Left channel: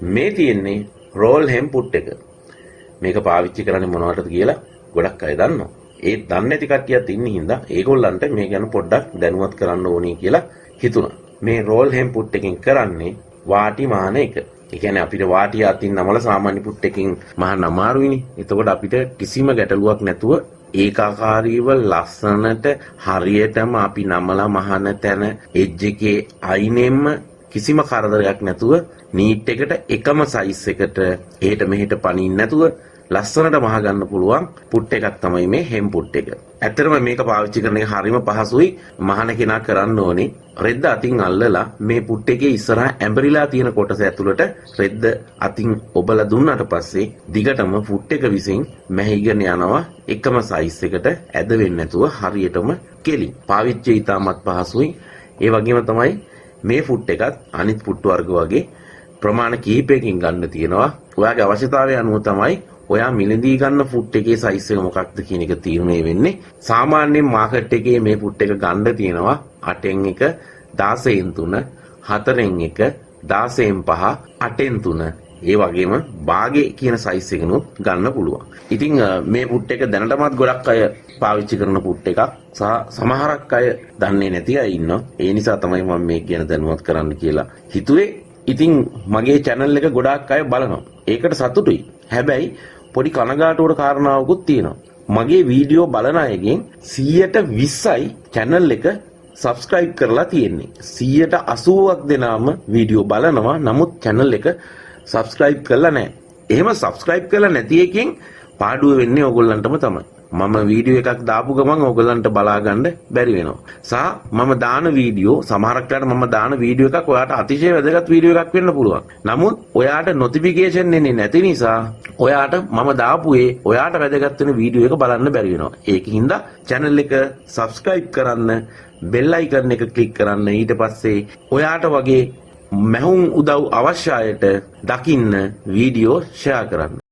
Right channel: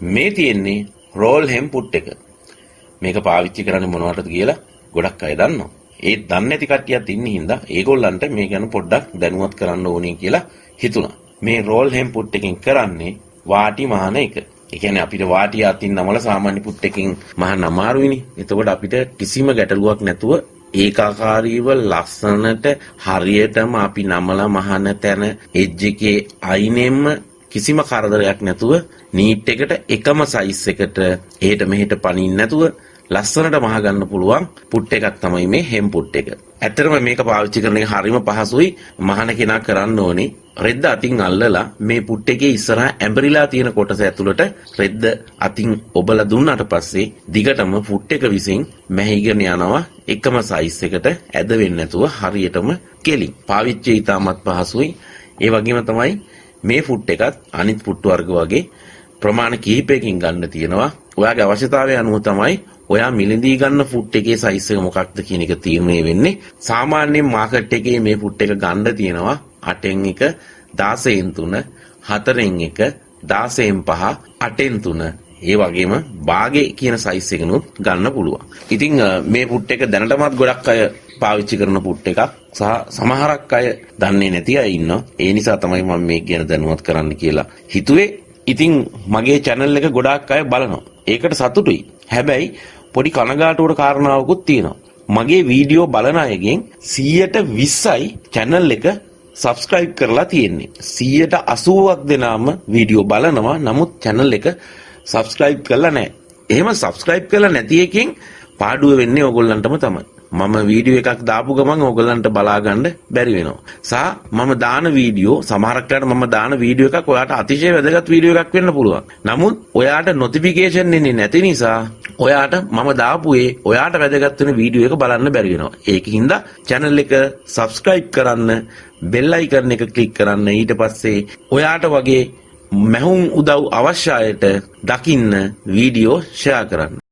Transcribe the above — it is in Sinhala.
මේ තියෙන්නේ රෝල් හෙම් පුට් එක. මේක පාවිච්චි කරන්නේ මොනවටද කියලා ගොඩක් අය දන්නවා. ඒ දන්නේ නැති කට්ටියක් ඉන්නේ හින්දා ඒගොල්ලන්ට මේ ගැන පොඩ්ඩක් දැනුවත් කරන්න ඕනේ කියලා හිතුණා. මේ රෝල් හෙම් පුට් එකෙන් කරන්නේ වාටි මහන එක. ඒ කියන්නේ අපිට වාටි අතින් නමල සාමාන්‍ය පුට් එකකින් මහන්න අමාරුයිනේ. එතකොට අපිට කිසිම ගැටලුවක් නැතුව ඒකාකාරීව ලස්සනට හරියටම අපි නමලා මහන තැන එජ් එකේ අයිනෙම්ම කිසිම කරදරයක් නැතුව නීට් එකට එකම සයිස් එකට එහෙට මෙහෙට පනින්න නැතුව ලස්සනට මහ ගන්න පුළුවන් පුට් එකක් තමයි මේ හෙම් පුට් එක. ඇත්තටම මේක පාවිච්චි කරන එක හරිම පහසුයි. මහන කෙනා කරන්න ඕනේ රෙද්ද අතින් අල්ලලා මේ පුට් එකේ ඉස්සරහා ඇඹරිලා තියෙන කොටස ඇතුළට රෙද්ද අතින් ඔබලා දුන්නාට පස්සේ දිගටම පුට් එක විසින් මැහිගෙන යනවා එකම සයිස් එකට ඇද වෙන්නේ නැතුව හරියටම කෙලින්. පාවිච්චි ඉතාමත් පහසුයි. ඒ වගේම තමයි මේ පුට් එකත් අනිත් පුට් වර්ග වගේ ප්‍රමාණ කිහිපයකින් ගන්න තියෙනවා. ඔයාගේ අවශ්‍යතාවය අනුව තමයි ඔයා මිලදී ගන්න පුට් එකේ සයිස් එක මොකක්ද කියන එක තීරණය වෙන්නේ. සාමාන්‍යයෙන් මාකට් එකේ මේ පුට් එක ගන්න තියෙනවා 8න් 1 16න් 3 4න් 1 16න් 5 8න් 3 ඒ වගේම බාගේ කියන සයිස් එකනොත් ගන්න පුළුවන්. ඉතින් මේ පුට් එක දැනටමත් ගොඩක් අය පාවිච්චි කරන පුට් එකක් සහ සමහරක් අය දන්නේ නැති අය ඉන්නවා. ඒ නිසා තමයි මම මේක ගැන දැනුවත් කරන්න කියලා හිතුවේ. ඉතින් මගේ channel එක ගොඩාක් අය බලනවා. ඒකට සතුටුයි. හැබැයි පොඩි කනගාටුවට කාරණාවකුත් තියෙනවා. මගේ වීඩියෝ බලන අයගෙන් 120යි channel එක subscribe කරලා තියෙන්නේ. 180ක් දෙනාම වීඩියෝ බලනවා. නමුත් channel එක subscribe කරලා නැහැ. එහෙම subscribe කරලා නැති එකෙන් පාඩුව වෙන්නේ ඕගොල්ලන්ටම තමයි. මම වීඩියෝ එකක් දාපු ගමන් ඕගොල්ලන්ට බලා ගන්න බැරි වෙනවා. සහ මම දාන වීඩියෝ සමහරක් වෙලාවට මම දාන වීඩියෝ එකක් ඔයාට අතිශය වැදගත් වීඩියෝ එකක් වෙන්න පුළුවන්. නමුත් ඔයාට notification එන්නේ නැති නිසා ඔයාට මම දාපු ඔයාට වැදගත් වෙන වීඩියෝ එක බලන්න බැරි වෙනවා. ඒකින්ද channel එක subscribe කරන්න, bell icon එක click කරන්න. ඊට පස්සේ ඔයාට වගේ මැහුම් උදව් අවශ්‍ය අයට දකින්න වීඩියෝ share කරන්න.